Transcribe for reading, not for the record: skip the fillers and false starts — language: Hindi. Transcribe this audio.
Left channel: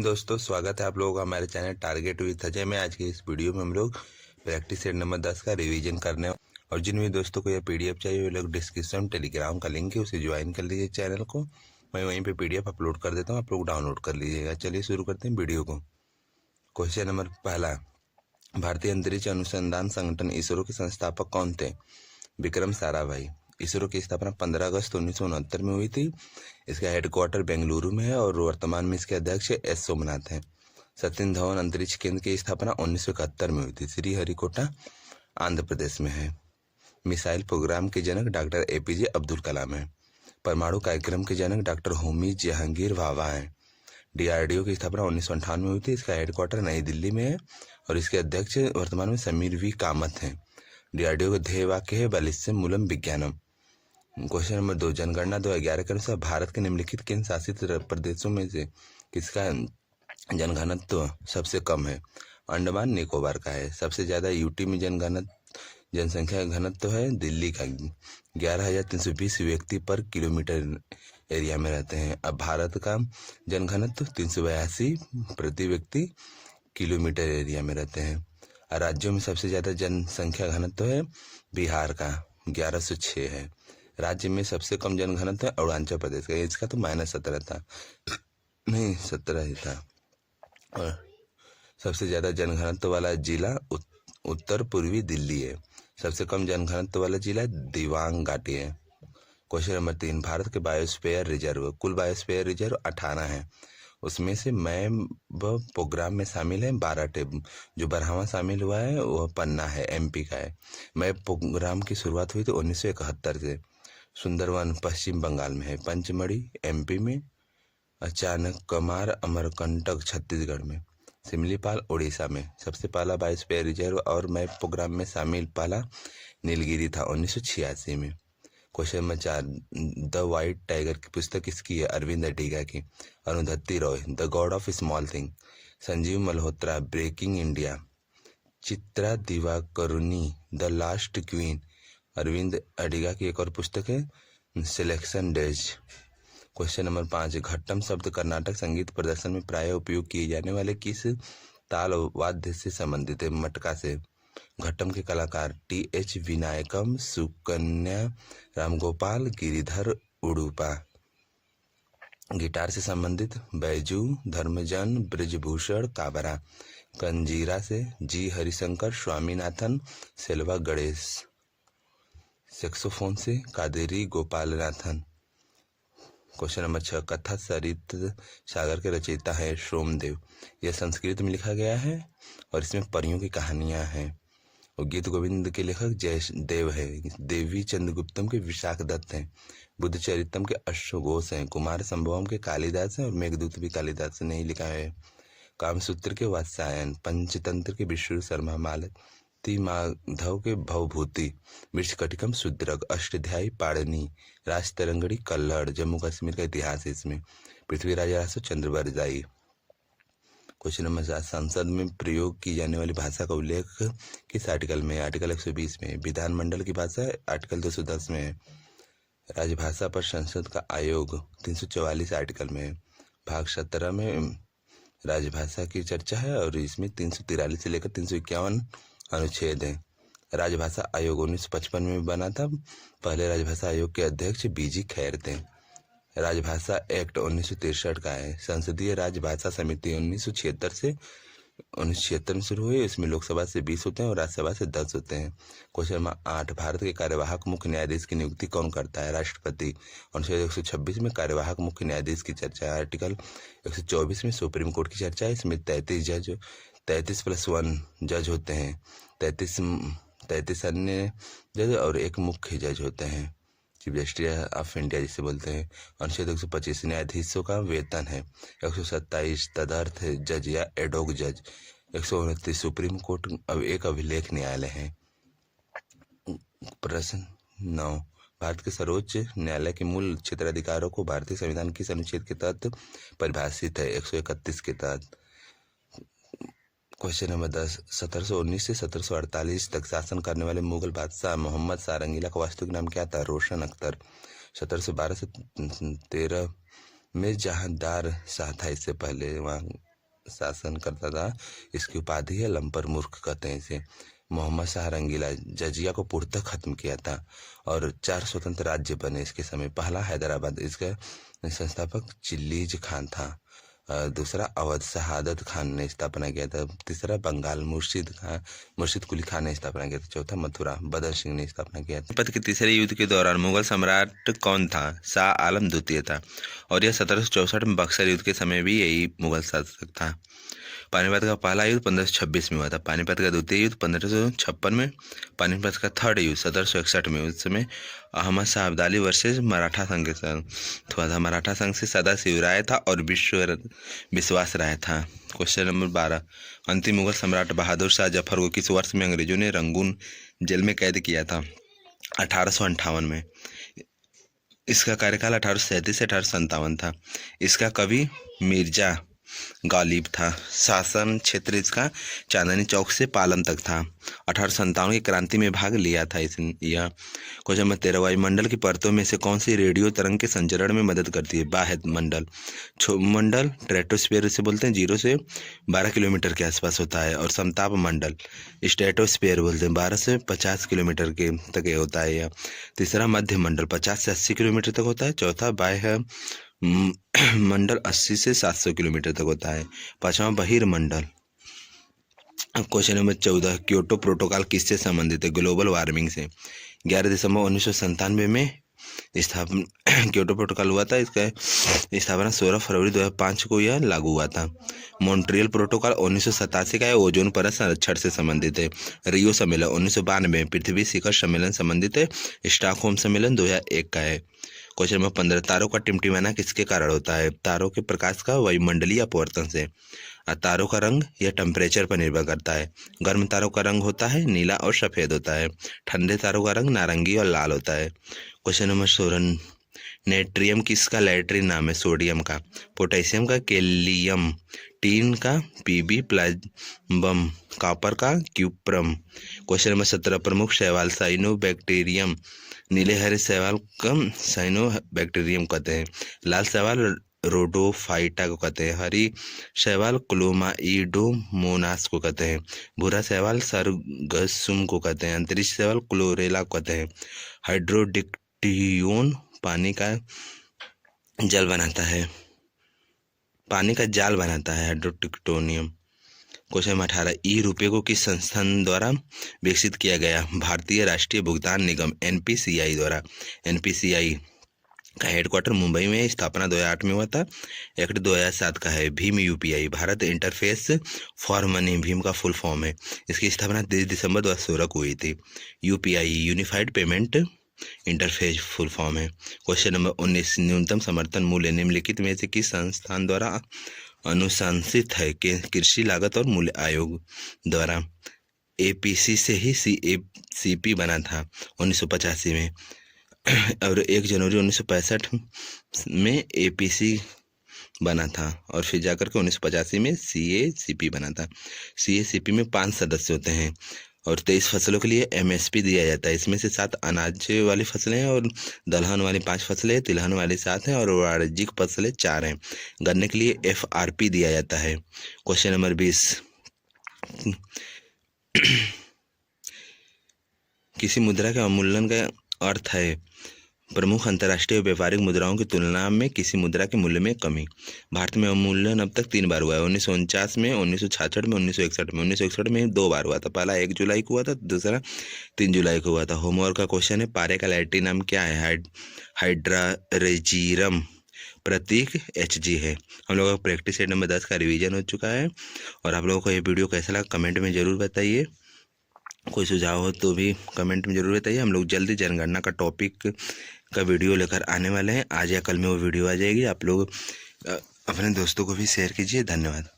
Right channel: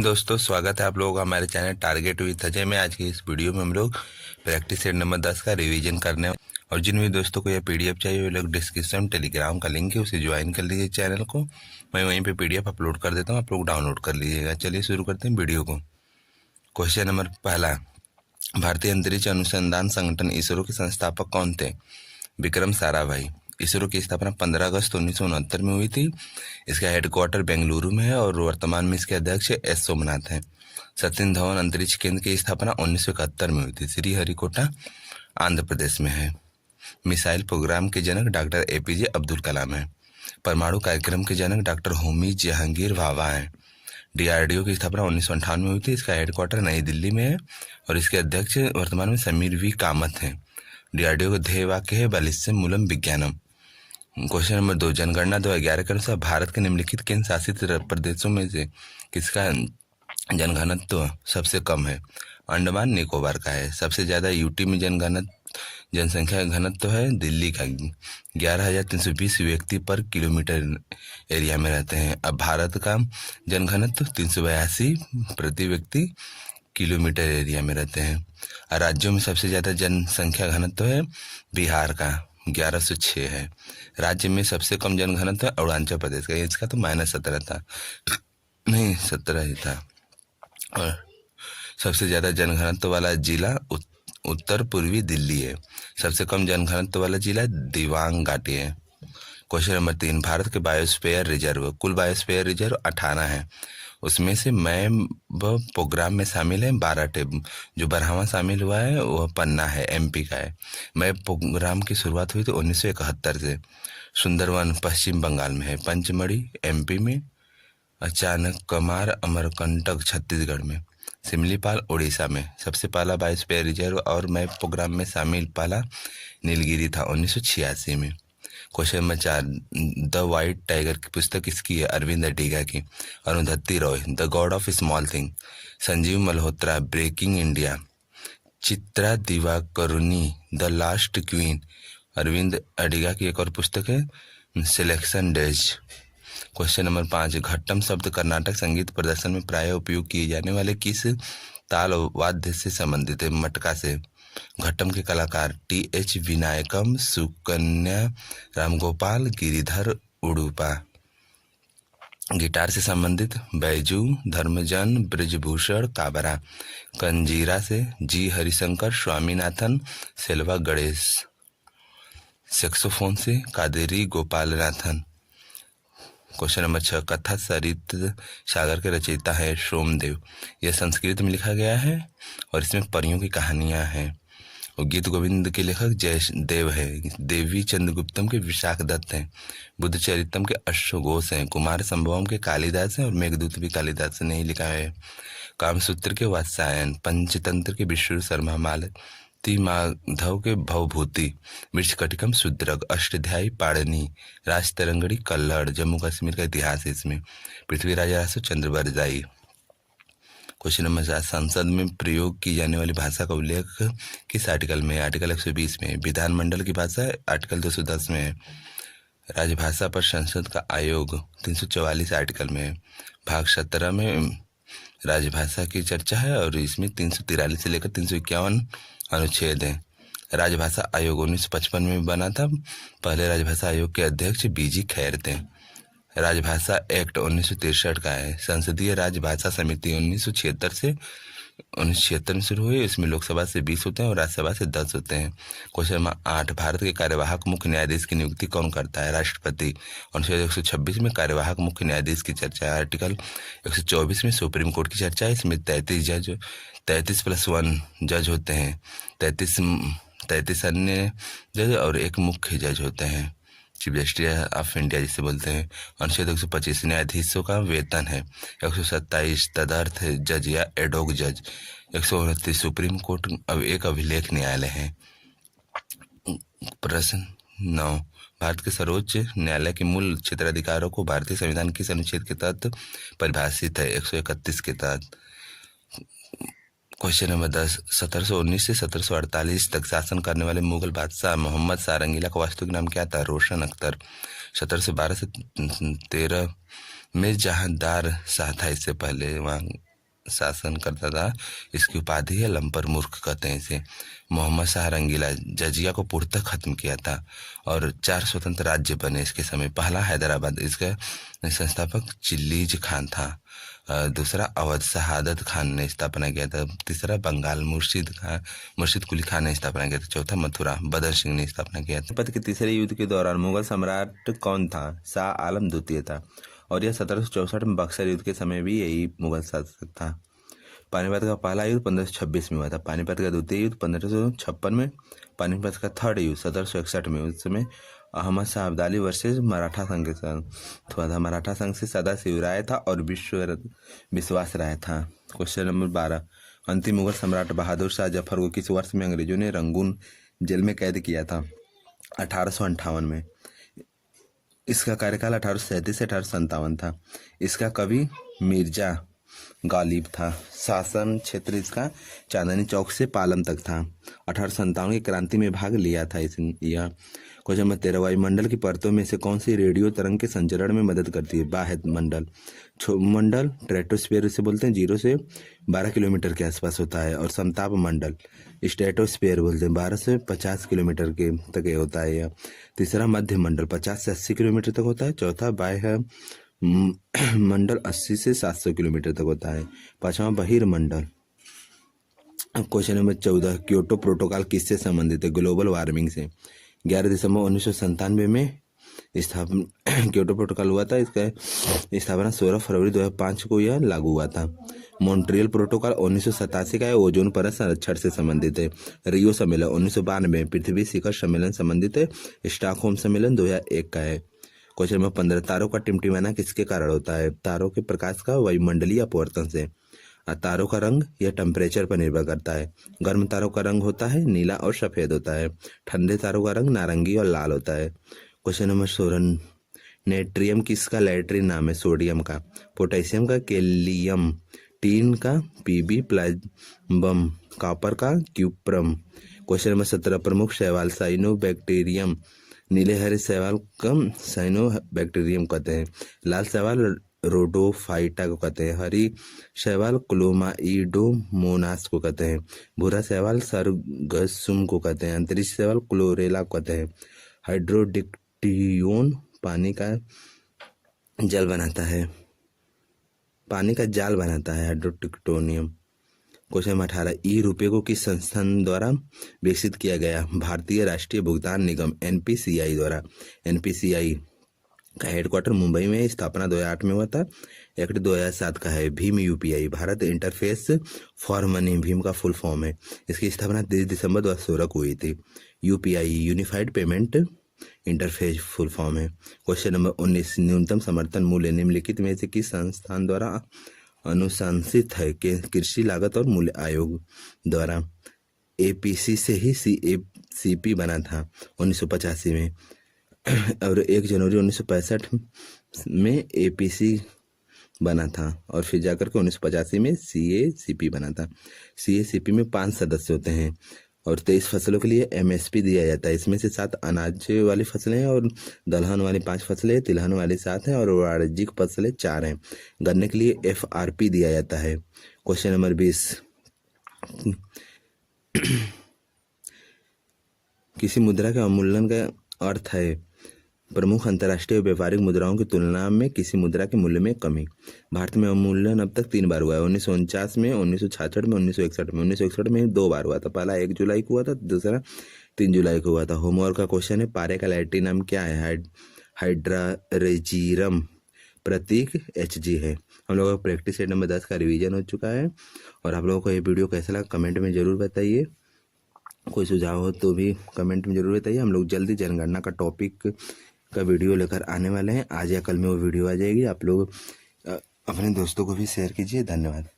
इन दोस्तों, स्वागत है आप लोगों का हमारे चैनल टारगेट विद अजय में। आज की इस वीडियो में हम लोग प्रैक्टिस सेट नंबर 10 का रिवीजन करने और जिन भी दोस्तों को यह पीडीएफ चाहिए वो लोग डिस्क्रिप्शन में टेलीग्राम का लिंक है, उसे ज्वाइन कर लीजिए चैनल को। मैं वहीं पे पीडीएफ अपलोड कर देता हूँ, आप लोग डाउनलोड कर लीजिएगा। चलिए शुरू करते हैं वीडियो को। क्वेश्चन नंबर पहला, भारतीय अंतरिक्ष अनुसंधान संगठन इसरो के संस्थापक कौन थे? विक्रम साराभाई। इसरो की स्थापना 15 अगस्त 1969 में हुई थी। इसका हेडक्वार्टर बेंगलुरु में है और वर्तमान में इसके अध्यक्ष एस सोमनाथ हैं। सतीश धवन अंतरिक्ष केंद्र की स्थापना 1971 में हुई थी। श्रीहरिकोटा आंध्र प्रदेश में है। मिसाइल प्रोग्राम के जनक डॉक्टर एपीजे अब्दुल कलाम हैं। परमाणु कार्यक्रम के जनक डॉक्टर होमी जहांगीर भाभा हैं। डीआरडीओ की स्थापना 1958 में हुई थी। इसका हेडक्वार्टर नई दिल्ली में है और इसके अध्यक्ष वर्तमान में समीर वी कामत हैं। डीआरडीओ का ध्येय वाक्य है बलिस्म मूलम विज्ञानम। क्वेश्चन नंबर 2, जनगणना 2011 के अनुसार भारत के निम्नलिखित केंद्र शासित प्रदेशों में से किसका जनघनत्व सबसे कम है? अंडमान निकोबार का है। सबसे ज्यादा यूटी में जनसंख्या घनत्व है दिल्ली का। 11,320 व्यक्ति पर किलोमीटर एरिया में रहते हैं। अब भारत का जनघनत्व 382 प्रति व्यक्ति किलोमीटर एरिया में रहते हैं। राज्यों में सबसे ज्यादा जनसंख्या घनत्व है बिहार का, 1106 है। राज्य में सबसे कम जनघनत्व अरुणाचल प्रदेश का, इसका तो -17 था, नहीं 17 ही था। और सबसे ज्यादा जनघनत्व वाला जिला उत्तर पूर्वी दिल्ली है। सबसे कम जनघनत्व वाला जिला दिबांग घाटी है। क्वेश्चन नंबर 3, भारत के बायोस्फीयर रिजर्व, कुल बायोस्फीयर रिजर्व 18 है। उसमें से मैम प्रोग्राम में शामिल है 12 टेब। जो 12वां शामिल हुआ है वह पन्ना है, एमपी का है। मैप प्रोग्राम की शुरुआत हुई थी 1971 से। सुंदरवन पश्चिम बंगाल में है। पंचमढ़ी एमपी में। अचानक कमार अमरकंटक छत्तीसगढ़ में। सिमलीपाल उड़ीसा में। सबसे पहला बायोस्फीयर रिजर्व और मैप प्रोग्राम में शामिल पहला नीलगिरी था 1986 में। Question number 4, the white tiger की पुस्तक किसकी है? अरविंद अडिगा की। Arundhati Roy, the god of small thing. Sanjeev Malhotra, breaking India. Chitra Divakaruni, the last queen. Arvind Adiga की एक और पुस्तक है selection days. Question number 5, Ghatam शब्द कर्नाटक संगीत प्रदर्शन में प्राय उपयोग किए जाने वाले किस ताल वाद्य से संबंधित है? मटका से। घट्टम के कलाकार टी.एच. विनायकम, सुकन्या रामगोपाल, गिरिधर उडुपा। गिटार से संबंधित बैजू, धर्मजन, ब्रजभूषण, काबरा। कंजीरा से जी हरिशंकर, स्वामीनाथन, सेल्वा गणेश। सेक्सोफोन से कादेरी गोपालनाथन। क्वेश्चन नंबर 6, कथा सरित सागर के रचयिता है सोमदेव। यह संस्कृत में लिखा गया है और इसमें परियों की कहानियां हैं। और गीत गोविंद के लेखक जयदेव है। देवी चंद्रगुप्तम के विशाख दत्त हैं। बुद्ध चरितम के अश्वघोष हैं। कुमार संभवम के कालिदास हैं और मेघदूत भी कालिदास ने ही लिखा है। कामसूत्र के वात्स्यायन। पंचतंत्र के विष्णु शर्मा, मालती माधव के भवभूति। मृच्छकटिकम शूद्रक। अष्टाध्यायी पाणिनि। राजतरंगड़ी कल्हड़। जम्मू कश्मीर का इतिहास है इसमें। पृथ्वीराज रासो चंद्र बरजाई। क्वेश्चन नंबर 7, संसद में प्रयोग की जाने वाली भाषा का उल्लेख किस आर्टिकल में? आर्टिकल 120 में। विधानमंडल की भाषा आर्टिकल 210 में है। राजभाषा पर संसद का आयोग 344 आर्टिकल में है। भाग 17 में राजभाषा की चर्चा है और इसमें 343 से लेकर 351 अनुच्छेद हैं। राजभाषा आयोग 1955 में बना था। पहले राजभाषा आयोग के अध्यक्ष बीजी खैर थे। राजभाषा एक्ट 1963 का है। संसदीय राजभाषा समिति 1976 में शुरू हुई। इसमें लोकसभा से 20 होते हैं और राज्यसभा से 10 होते हैं। क्वेश्चन नंबर 8, भारत के कार्यवाहक मुख्य न्यायाधीश की नियुक्ति कौन करता है? राष्ट्रपति। अनुच्छेद 126 में कार्यवाहक मुख्य न्यायाधीश की चर्चा है। आर्टिकल 124 में सुप्रीम कोर्ट की चर्चा है। इसमें 33+1 जज होते हैं। 33 अन्य जज और एक मुख्य जज होते हैं, चीफ जस्टिस ऑफ इंडिया जिसे बोलते हैं। अनुच्छेद 125 न्यायाधीशों का वेतन है। 127 तदर्थ जज या एडोग जज। 129 सुप्रीम कोर्ट एक अभिलेख न्यायालय है। प्रश्न 9, भारत के सर्वोच्च न्यायालय के मूल क्षेत्राधिकारों को भारतीय संविधान किस अनुच्छेद के तहत परिभाषित है? 131 के तहत। क्वेश्चन नंबर 10, 1719 से 1748 तक शासन करने वाले मुगल बादशाह मोहम्मद शाह रंगीला का वास्तविक नाम क्या था? रोशन अख्तर। 1712 से 13 में जहांदार शाह था इससे पहले, वहाँ शासन करता था। इसकी उपाधि है लंपर मूर्ख कहते हैं इसे। मोहम्मद शाह रंगीला जजिया को पूर्णतः खत्म किया था और 4 स्वतंत्र राज्य बने इसके समय। पहला हैदराबाद, इसका संस्थापक चिल्लीज खान था। दूसरा अवध शहादत खान ने स्थापना किया था। तीसरा बंगाल मुर्शिद कुली खान ने स्थापना किया था। चौथा मथुरा बदर सिंह ने स्थापना किया था। पानीपत के तीसरे युद्ध के दौरान मुगल सम्राट कौन था? शाह आलम द्वितीय था और यह 1764 में बक्सर युद्ध के समय भी यही मुगल शासक था। पानीपत का पहला युद्ध 1526 में हुआ था। पानीपत का द्वितीय युद्ध 1556 में। पानीपत का थर्ड युद्ध 1761 में। उस समय अहमद शाह अब्दाली वर्सेस मराठा संघ के साथ हुआ था। मराठा संघ से सदाशिव राय था और विश्वास राय था। क्वेश्चन नंबर 12, अंतिम मुगल सम्राट बहादुर शाह जफर को किस वर्ष में अंग्रेजों ने रंगून जेल में कैद किया था? 1858 में। इसका कार्यकाल 1837 से 1857 था। इसका कवि मिर्जा गालिब था। शासन क्षेत्र इसका चांदनी चौक से पालम तक था। 1857 की क्रांति में भाग लिया था इसने। यह क्वेश्चन नंबर 13, वायुमंडल की परतों में से कौन सी रेडियो तरंग के संचरण में मदद करती है? बाह्य मंडल, मंडल स्ट्रेटोस्फीयर इसे बोलते हैं, 0 से 12 किलोमीटर के आसपास होता है। और समताप मंडल स्ट्रेटोस्फीयर बोलते हैं, 12 से 50 किलोमीटर के तक होता है यह। तीसरा मध्य मंडल 50 से 80 किलोमीटर तक होता है। चौथा बाह्य मंडल 80 से 700 किलोमीटर तक होता है। पांचवा बहिर्मंडल। क्वेश्चन नंबर 14, क्योटो प्रोटोकॉल किससे संबंधित है? ग्लोबल वार्मिंग से। 11 दिसंबर 1997 में स्थापना क्योटो प्रोटोकॉल हुआ था। इसका स्थापना 16 फरवरी 2005 को यह लागू हुआ था। मॉन्ट्रियल प्रोटोकॉल 1987 का है, ओजोन परत संरक्षण से संबंधित है। रियो सम्मेलन 1992, पृथ्वी शिखर सम्मेलन संबंधित है। स्टॉकहोम सम्मेलन 2001 का है। क्वेश्चन नंबर 15, तारों का टिमटिमाना किसके कारण होता है? तारों के प्रकाश का वायुमंडलीय अपवर्तन से। तारों का रंग यह टेम्परेचर पर निर्भर करता है। गर्म तारों का रंग होता है नीला और सफेद होता है। ठंडे तारों का रंग नारंगी और लाल होता है। क्वेश्चन नंबर 16, नेट्रियम किसका लैट्रिन नाम है? सोडियम का। पोटेशियम का कैलियम। टीन का पीबी प्लाज्मम। कॉपर का क्यूप्रम। क्वेश्चन नंबर 17, प्रमुख शैवाल साइनोबैक्टीरियम। नीले हरे शैवाल का साइनोबैक्टीरियम कहते हैं। लाल शैवाल रोडोफाइटा को कहते हैं। हरी शैवाल क्लोमाइडोमोनास को कहते हैं। भूरा शैवाल सरगसुम को कहते हैं। अंतरिक्ष शैवाल क्लोरेला को कहते हैं। हाइड्रोडिक्टियोन पानी का जाल बनाता है। हाइड्रोडिक्टोनियम। क्वेश्चन नंबर 18, ई रुपये को किस संस्थान द्वारा विकसित किया गया? भारतीय राष्ट्रीय भुगतान निगम NPCI द्वारा। NPCI का हेडक्वार्टर मुंबई में, स्थापना 2008 में हुआ था। एक्ट 2007 का है। Bhim UPI Bharat interface for money Bhim का फुल फॉर्म है। इसकी स्थापना 30 दिसंबर 2016 को हुई थी। UPI unified payment interface full form है। क्वेश्चन नंबर 19, न्यूनतम समर्थन मूल्य निम्नलिखित में से किस संस्थान द्वारा अनुशंसित है? कृषि लागत और मूल्य आयोग द्वारा। APC से ही CACP बना था 1985 में और 1 जनवरी 1965 में APC बना था और फिर जाकर के 1985 में CACP बना था। CACP में 5 सदस्य होते हैं और 23 फसलों के लिए MSP दिया जाता है। इसमें से 7 अनाज वाली फसलें हैं और दलहन वाली 5 फसलें, तिलहन वाली 7 हैं और वाणिज्यिक फसलें 4 हैं। गन्ने के लिए FRP दिया जाता है। क्वेश्चन नंबर 20, किसी मुद्रा के अवमूल्यन का अर्थ है प्रमुख अंतर्राष्ट्रीय व्यापारिक मुद्राओं की तुलना में किसी मुद्रा के मूल्य में कमी। भारत में अवमूल्यन अब तक 3 बार हुआ है, 1949 में, 1966 में, 1961 में। 1961 में 2 बार हुआ था। पहला 1 जुलाई को हुआ था, दूसरा 3 जुलाई को हुआ था। होमवर्क का क्वेश्चन है, पारे का लैटिन नाम क्या है? हाइड्रारेजियम, प्रतीक HG है। हम लोगों का प्रैक्टिस सेट नंबर 10 का रिवीजन हो चुका है और आप लोगों को ये वीडियो कैसा लगा कमेंट में ज़रूर बताइए। कोई सुझाव हो तो भी कमेंट में ज़रूर बताइए। हम लोग जल्दी जनगणना का टॉपिक का वीडियो लेकर आने वाले हैं। आज या कल में वो वीडियो आ जाएगी। आप लोग अपने दोस्तों को भी शेयर कीजिए। धन्यवाद।